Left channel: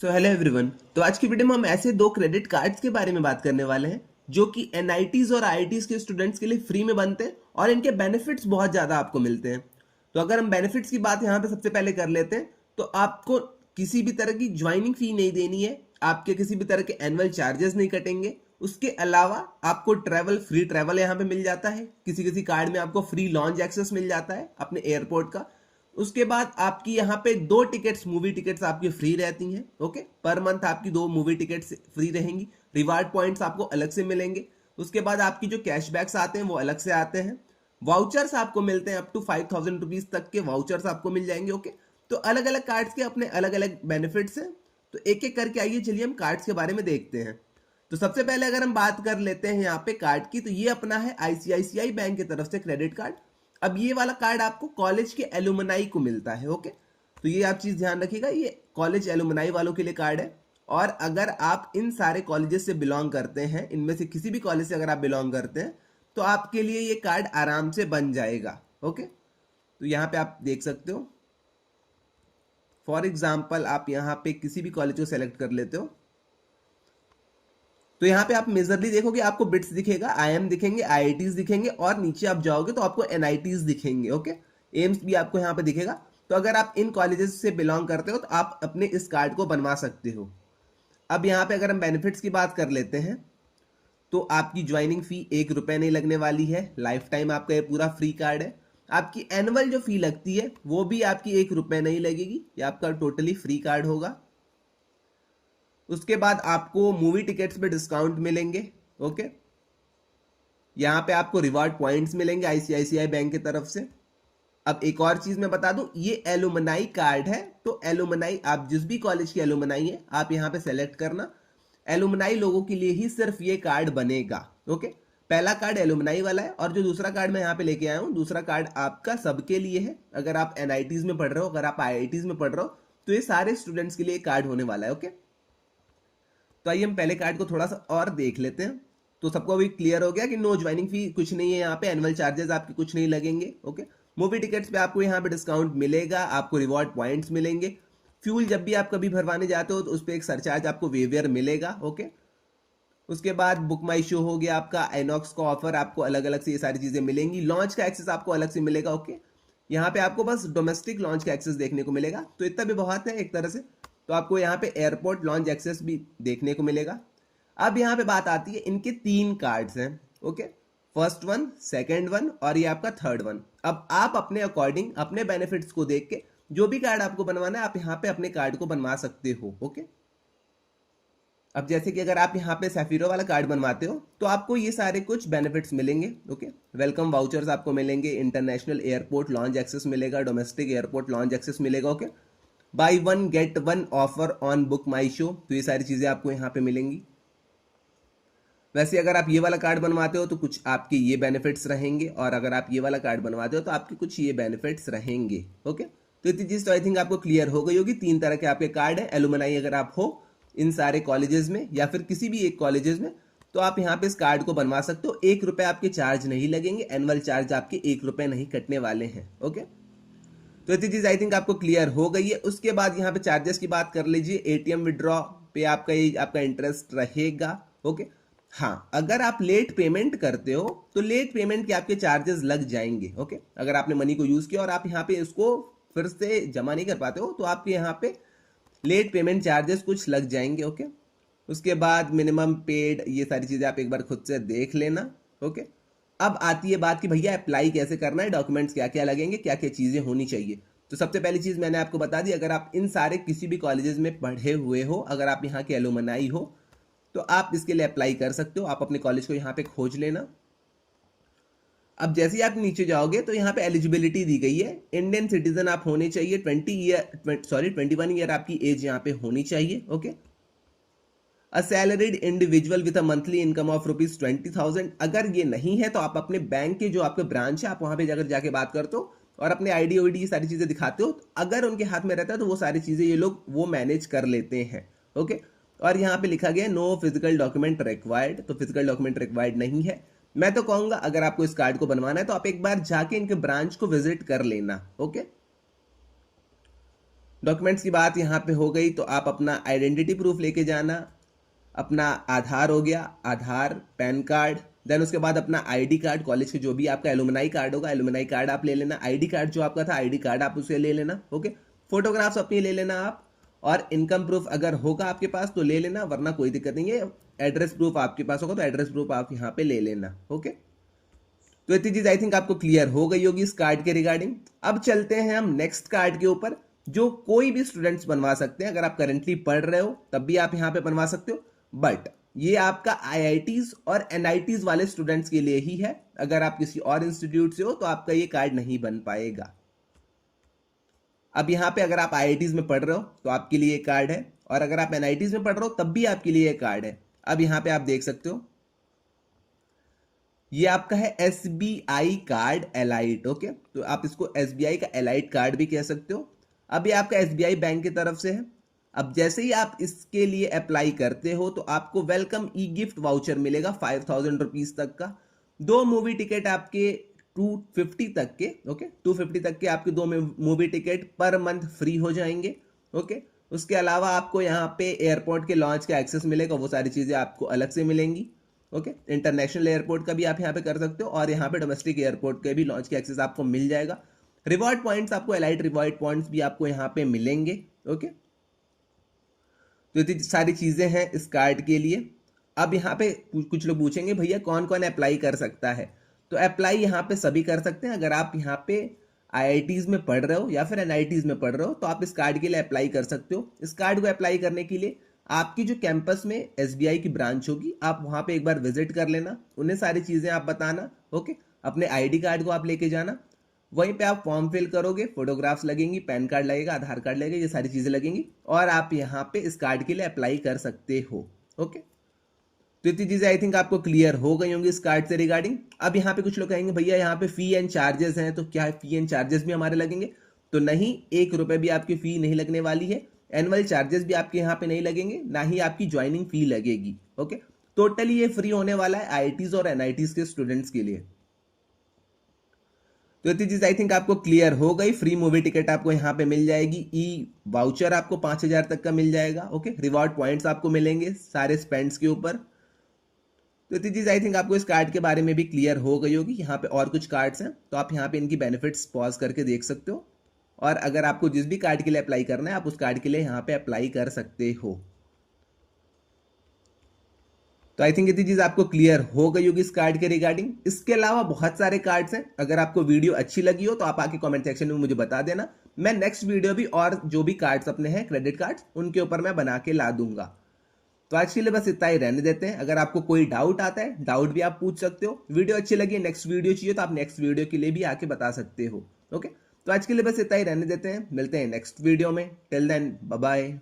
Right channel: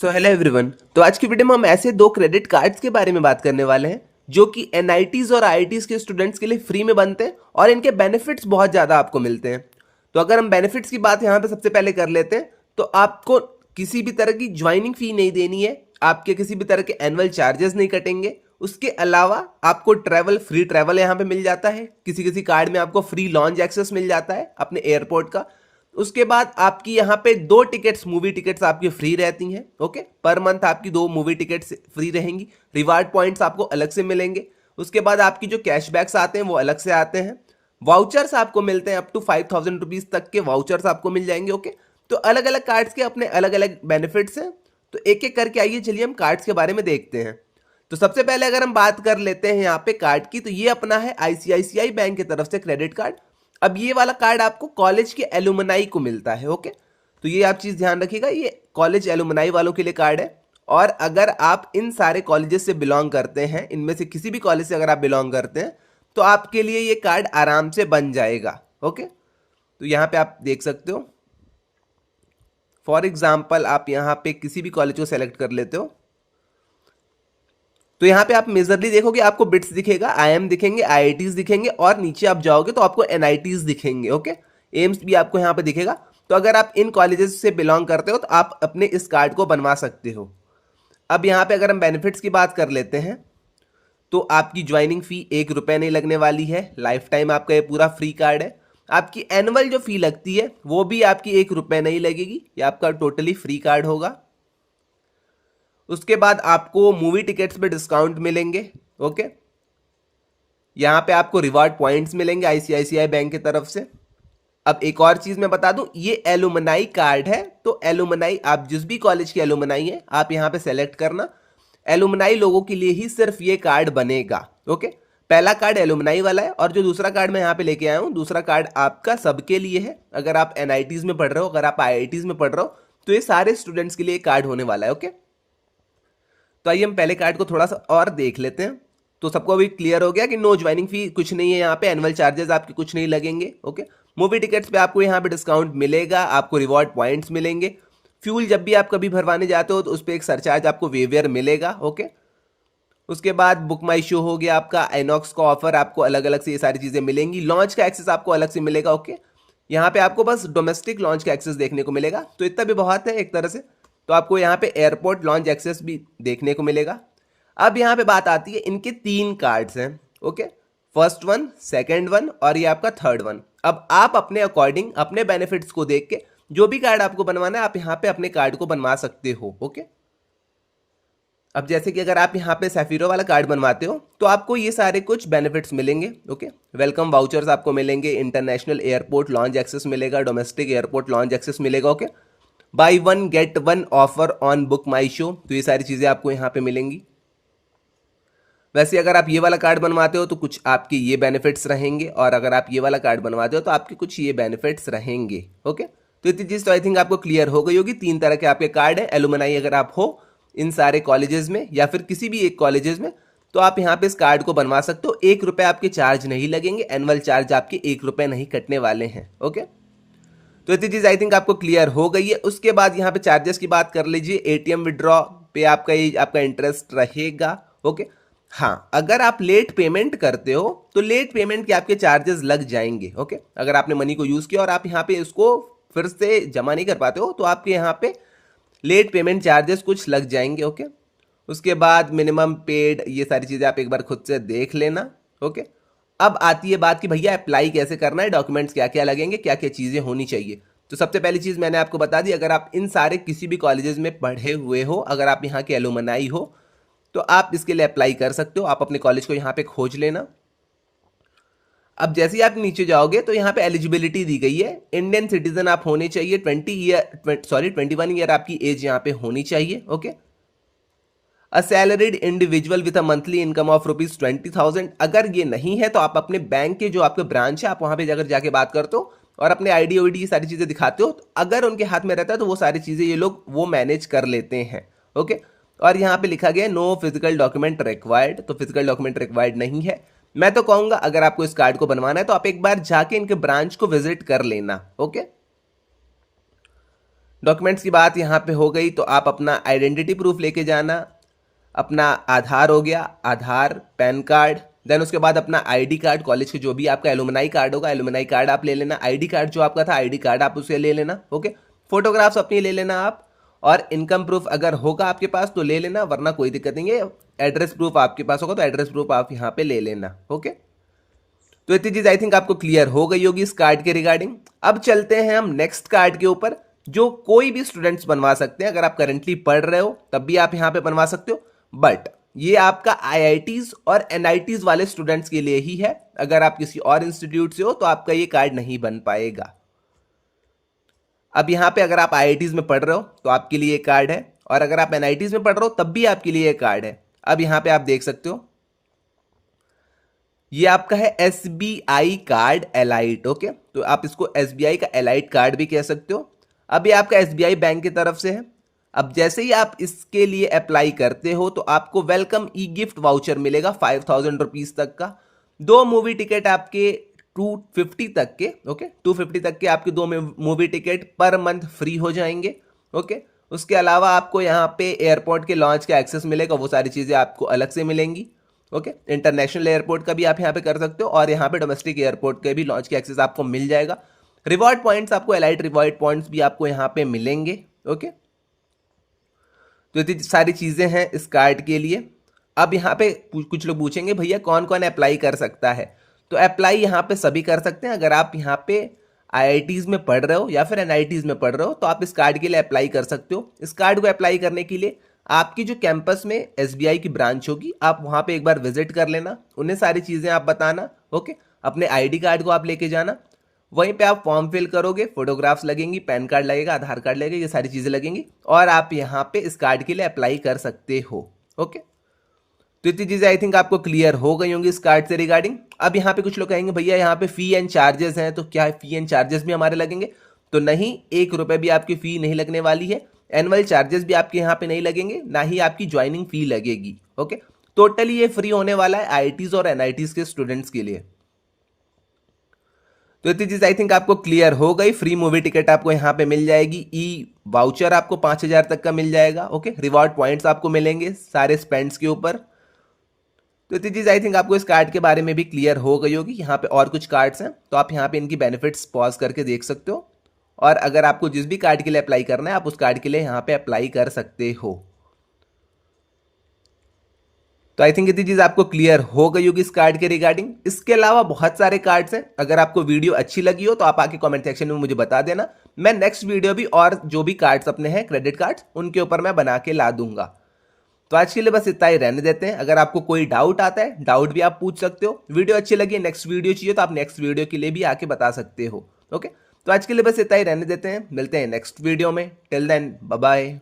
So hello everyone. तो आज की वीडियो में हम ऐसे दो क्रेडिट कार्ड्स के बारे में बात करने वाले हैं जो कि एनआईटीज और आईआईटीज के स्टूडेंट्स के लिए फ्री में बनते हैं और इनके बेनिफिट्स बहुत ज़्यादा आपको मिलते हैं। तो अगर हम बेनिफिट्स की बात यहाँ पे सबसे पहले कर लेते हैं तो आपको किसी भी तरह की ज्वाइनिंग फी नहीं देनी है, आपके किसी भी तरह के एनुअल चार्जेस नहीं कटेंगे। उसके अलावा आपको फ्री ट्रैवल यहाँ पे मिल जाता है, किसी किसी कार्ड में आपको फ्री लॉन्च एक्सेस मिल जाता है अपने एयरपोर्ट का। उसके बाद आपकी यहाँ पे दो टिकट्स, मूवी टिकट्स आपकी फ्री रहती हैं। ओके, पर मंथ आपकी दो मूवी टिकट्स फ्री रहेंगी। रिवार्ड पॉइंट्स आपको अलग से मिलेंगे। उसके बाद आपकी जो कैशबैक्स आते हैं वो अलग से आते हैं। वाउचर्स आपको मिलते हैं, अप टू 5,000 रुपीज तक के वाउचर्स आपको मिल जाएंगे। ओके, तो अलग अलग कार्ड्स के अपने अलग अलग बेनिफिट्स हैं। तो एक एक करके आइए, चलिए हम कार्ड्स के बारे में देखते हैं। तो सबसे पहले अगर हम बात कर लेते हैं यहाँ पे कार्ड की, तो ये अपना है आईसीआईसीआई बैंक की तरफ से क्रेडिट कार्ड। अब ये वाला कार्ड आपको कॉलेज के एलुमनाई को मिलता है। ओके, तो ये आप चीज ध्यान रखिएगा, ये कॉलेज एलुमनाई वालों के लिए कार्ड है। और अगर आप इन सारे कॉलेजेस से बिलोंग करते हैं, इनमें से किसी भी कॉलेज से अगर आप बिलोंग करते हैं, तो आपके लिए ये कार्ड आराम से बन जाएगा। ओके, तो यहाँ पे आप देख सकते हो, फॉर एग्जाम्पल आप यहाँ पे किसी भी कॉलेज को सेलेक्ट कर लेते हो, तो यहाँ पे आप मेजरली देखोगे आपको बिट्स दिखेगा, आईएम दिखेंगे, आईआईटीज दिखेंगे, और नीचे आप जाओगे तो आपको एनआईटीज दिखेंगे। ओके, एम्स भी आपको यहाँ पे दिखेगा। तो अगर आप इन कॉलेजेस से बिलोंग करते हो तो आप अपने इस कार्ड को बनवा सकते हो। अब यहाँ पे अगर हम बेनिफिट्स की बात कर लेते हैं, तो आपकी ज्वाइनिंग फी 1 रुपये नहीं लगने वाली है। लाइफ टाइम आपका ये पूरा फ्री कार्ड है। आपकी एनुअल जो फी लगती है वो भी आपकी 1 रुपये नहीं लगेगी, ये आपका टोटली फ्री कार्ड होगा। उसके बाद आपको मूवी टिकट्स पे डिस्काउंट मिलेंगे। ओके, यहाँ पे आपको रिवार्ड पॉइंट्स मिलेंगे आईसीआईसीआई बैंक की तरफ से। अब एक और चीज मैं बता दूं, ये एलुमनाई कार्ड है, तो एलुमनाई आप जिस भी कॉलेज के एलुमनाई है आप यहाँ पे सेलेक्ट करना। एलुमनाई लोगों के लिए ही सिर्फ ये कार्ड बनेगा। ओके, पहला कार्ड एलुमनाई वाला है, और जो दूसरा कार्ड मैं यहाँ पे लेके आया हूँ, दूसरा कार्ड आपका सबके लिए है। अगर आप एनआईटीज में पढ़ रहे हो, अगर आप आईआईटीज में पढ़ रहे हो, तो ये सारे स्टूडेंट्स के लिए कार्ड होने वाला है। ओके, तो आइए हम पहले कार्ड को थोड़ा सा और देख लेते हैं। तो सबको अभी क्लियर हो गया कि नो ज्वाइनिंग फी कुछ नहीं है, यहाँ पे एनुअल चार्जेस आपके कुछ नहीं लगेंगे। ओके, मूवी टिकट्स पे आपको यहाँ पे डिस्काउंट मिलेगा, आपको रिवॉर्ड पॉइंट्स मिलेंगे। फ्यूल जब भी आप कभी भरवाने जाते हो तो उस पर एक सरचार्ज आपको वेवियर मिलेगा। ओके, उसके बाद बुक माई शो हो गया आपका, आइनॉक्स का ऑफर, आपको अलग अलग से ये सारी चीज़ें मिलेंगी। लॉन्च का एक्सेस आपको अलग से मिलेगा। ओके, यहाँ पे आपको बस डोमेस्टिक लॉन्च का एक्सेस देखने को मिलेगा, तो इतना भी बहुत है एक तरह से। तो आपको यहाँ पे एयरपोर्ट लॉन्च एक्सेस भी देखने को मिलेगा। अब यहाँ पे बात आती है, इनके 3 कार्ड्स हैं। Okay, first one, second one, और ये आपका थर्ड वन। अब आप अपने अकॉर्डिंग अपने बेनिफिट्स को देख के जो भी कार्ड आपको बनवाना है आप यहाँ पे अपने कार्ड को बनवा सकते हो। ओके, अब जैसे कि अगर आप यहाँ पे सैफीरो वाला कार्ड बनवाते हो तो आपको ये सारे कुछ बेनिफिट्स मिलेंगे। ओके, वेलकम वाउचर्स आपको मिलेंगे, इंटरनेशनल एयरपोर्ट लॉन्च एक्सेस मिलेगा, डोमेस्टिक एयरपोर्ट लॉन्च एक्सेस मिलेगा। Okay, by one get one offer on book my show, तो ये सारी चीज़ें आपको यहाँ पे मिलेंगी। वैसे अगर आप ये वाला कार्ड बनवाते हो तो कुछ आपके ये बेनिफिट्स रहेंगे, और अगर आप ये वाला कार्ड बनवाते हो तो आपके कुछ ये बेनिफिट्स रहेंगे। ओके, तो इतनी चीज़ तो आई थिंक आपको क्लियर हो गई होगी। 3 तरह के आपके कार्ड हैं। एलुमनाई अगर आप हो इन सारे कॉलेजेस में या फिर किसी भी एक कॉलेजेस में, तो आप यहाँ पे इस कार्ड को बनवा सकते हो। 1 रुपये आपके चार्ज नहीं लगेंगे, एनुअल चार्ज आपके 1 रुपये नहीं कटने वाले हैं। ओके, तो इतनी चीज़ आई थिंक आपको क्लियर हो गई है। उसके बाद यहाँ पे चार्जेस की बात कर लीजिए। एटीएम विड्रॉ पे आपका इंटरेस्ट रहेगा। ओके, हाँ, अगर आप लेट पेमेंट करते हो तो लेट पेमेंट के आपके चार्जेस लग जाएंगे। ओके, अगर आपने मनी को यूज़ किया और आप यहाँ पे इसको फिर से जमा नहीं कर पाते हो तो आपके यहाँ पे लेट पेमेंट चार्जेस कुछ लग जाएंगे। ओके, उसके बाद मिनिमम पेड, ये सारी चीज़ें आप एक बार खुद से देख लेना। ओके, अब आती है बात कि भैया अप्लाई कैसे करना है, डॉक्यूमेंट्स क्या क्या लगेंगे, क्या क्या चीज़ें होनी चाहिए। तो सबसे पहली चीज़ मैंने आपको बता दी, अगर आप इन सारे किसी भी कॉलेजेस में पढ़े हुए हो, अगर आप यहाँ के एलुमनाई हो, तो आप इसके लिए अप्लाई कर सकते हो। आप अपने कॉलेज को यहाँ पे खोज लेना। अब जैसे ही आप नीचे जाओगे तो यहाँ पे एलिजिबिलिटी दी गई है। इंडियन सिटीजन आप होने चाहिए, 21 ईयर आपकी एज यहाँ पे होनी चाहिए। Okay, a salaried individual with a monthly income of ₹20,000। अगर ये नहीं है तो आप अपने बैंक के जो आपके ब्रांच है आप वहाँ पे जाकर जाके बात करते हो और अपने आईडी ओडी ये सारी चीज़ें दिखाते हो। तो अगर उनके हाथ में रहता है तो वो सारी चीज़ें ये लोग वो मैनेज कर लेते हैं। ओके, और यहाँ पे लिखा गया नो फिजिकल डॉक्यूमेंट रिक्वायर्ड, तो फिजिकल डॉक्यूमेंट रिक्वायर्ड नहीं है। मैं तो कहूँगा अगर आपको इस कार्ड को बनवाना है तो आप एक बार जाके इनके ब्रांच को विजिट कर लेना। ओके, डॉक्यूमेंट्स की बात यहाँ पे हो गई, तो आप अपना आइडेंटिटी प्रूफ लेके जाना, अपना आधार हो गया, आधार, पैन कार्ड, देन उसके बाद अपना आईडी कार्ड, कॉलेज के जो भी आपका एलुमनाई कार्ड होगा, एलुमनाई कार्ड आप ले लेना, आईडी कार्ड जो आपका था आईडी कार्ड आप उसे ले लेना, ओके। फोटोग्राफ्स अपनी ले लेना आप, और इनकम प्रूफ अगर होगा आपके पास तो ले लेना, वरना कोई दिक्कत नहीं है। एड्रेस प्रूफ आपके पास होगा तो एड्रेस प्रूफ आप यहाँ पे ले लेना, ओके। तो इतनी चीज आई थिंक आपको क्लियर हो गई होगी इस कार्ड के रिगार्डिंग। अब चलते हैं हम नेक्स्ट कार्ड के ऊपर, जो कोई भी स्टूडेंट्स बनवा सकते हैं। अगर आप करेंटली पढ़ रहे हो तब भी आप यहाँ पे बनवा सकते हो, बट ये आपका आईआईटीज और एनआईटीज वाले स्टूडेंट्स के लिए ही है। अगर आप किसी और इंस्टीट्यूट से हो तो आपका ये कार्ड नहीं बन पाएगा। अब यहाँ पे अगर आप आईआईटीज में पढ़ रहे हो तो आपके लिए कार्ड है, और अगर आप एनआईटीज में पढ़ रहे हो तब भी आपके लिए कार्ड है। अब यहाँ पे आप देख सकते हो ये आपका है एसबीआई कार्ड एलाइट, ओके। तो आप इसको एसबीआई का एलाइट कार्ड भी कह सकते हो। अब ये आपका एसबीआई बैंक की तरफ से है। अब जैसे ही आप इसके लिए अप्लाई करते हो तो आपको वेलकम ई गिफ्ट वाउचर मिलेगा 5000 रुपीज तक का। 2 मूवी टिकट आपके 250 तक के, ओके, 250 तक के आपके 2 movie ticket per month free हो जाएंगे, ओके। उसके अलावा आपको यहाँ पे एयरपोर्ट के लॉन्च का एक्सेस मिलेगा, वो सारी चीज़ें आपको अलग से मिलेंगी, ओके। इंटरनेशनल एयरपोर्ट का भी आप यहाँ पे कर सकते हो, और यहाँ पे डोमेस्टिक एयरपोर्ट के भी लॉन्च के एक्सेस आपको मिल जाएगा। रिवॉर्ड पॉइंट्स आपको एलाइट रिवॉर्ड पॉइंट्स भी आपको यहाँ पे मिलेंगे, ओके। तो इतनी सारी चीज़ें हैं इस कार्ड के लिए। अब यहाँ पे कुछ लोग पूछेंगे भैया कौन कौन अप्लाई कर सकता है, तो अप्लाई यहाँ पे सभी कर सकते हैं। अगर आप यहाँ पे आईआईटीज में पढ़ रहे हो या फिर एनआईटीज में पढ़ रहे हो तो आप इस कार्ड के लिए अप्लाई कर सकते हो। इस कार्ड को अप्लाई करने के लिए आपकी जो कैंपस में एसबीआई की ब्रांच होगी, आप वहाँ पे एक बार विजिट कर लेना, उन्हें सारी चीज़ें आप बताना, ओके। अपने आईडी कार्ड को आप लेके जाना, वहीं पे आप फॉर्म फिल करोगे, फोटोग्राफ्स लगेंगी, पैन कार्ड लगेगा, आधार कार्ड लगेगा, ये सारी चीज़ें लगेंगी, और आप यहाँ पे इस कार्ड के लिए अप्लाई कर सकते हो, ओके। तो इतनी चीज़ें आई थिंक आपको क्लियर हो गई होंगी इस कार्ड से रिगार्डिंग। अब यहाँ पे कुछ लोग कहेंगे भैया यहाँ पे फी एंड चार्जेस हैं, तो क्या फी एंड चार्जेस भी हमारे लगेंगे? तो नहीं, 1 रुपये भी आपकी फ़ी नहीं लगने वाली है। एनुअल चार्जेस भी आपके यहाँ पे नहीं लगेंगे, ना ही आपकी ज्वाइनिंग फी लगेगी, ओके। टोटली ये फ्री होने वाला है आईआईटीज और एनआईटीज के स्टूडेंट्स के लिए। तो इतनी चीज आई थिंक आपको क्लियर हो गई। फ्री मूवी टिकट आपको यहाँ पे मिल जाएगी, ई वाउचर आपको 5000 तक का मिल जाएगा, ओके। रिवॉर्ड पॉइंट्स आपको मिलेंगे सारे स्पेंड्स के ऊपर। तो इतनी चीज आई थिंक आपको इस कार्ड के बारे में भी क्लियर हो गई होगी। यहाँ पे और कुछ कार्ड्स हैं तो आप यहाँ पे इनकी बेनिफिट्स पॉज करके देख सकते हो, और अगर आपको जिस भी कार्ड के लिए अप्लाई करना है आप उस कार्ड के लिए यहाँ पे अप्लाई कर सकते हो। तो आई थिंक इतनी चीज आपको क्लियर हो गई होगी इस कार्ड के रिगार्डिंग। इसके अलावा बहुत सारे कार्ड्स हैं, अगर आपको वीडियो अच्छी लगी हो तो आप आके कमेंट सेक्शन में मुझे बता देना। मैं नेक्स्ट वीडियो भी और जो भी कार्ड्स अपने हैं क्रेडिट कार्ड्स उनके ऊपर मैं बना के ला दूंगा। तो आज के लिए बस इतना ही रहने देते हैं। अगर आपको कोई डाउट आता है, डाउट भी आप पूछ सकते हो। वीडियो अच्छी लगी, नेक्स्ट वीडियो चाहिए तो आप नेक्स्ट वीडियो के लिए भी आके बता सकते हो, ओके। तो आज के लिए बस इतना ही रहने देते हैं, मिलते हैं नेक्स्ट वीडियो में। Till then bye bye.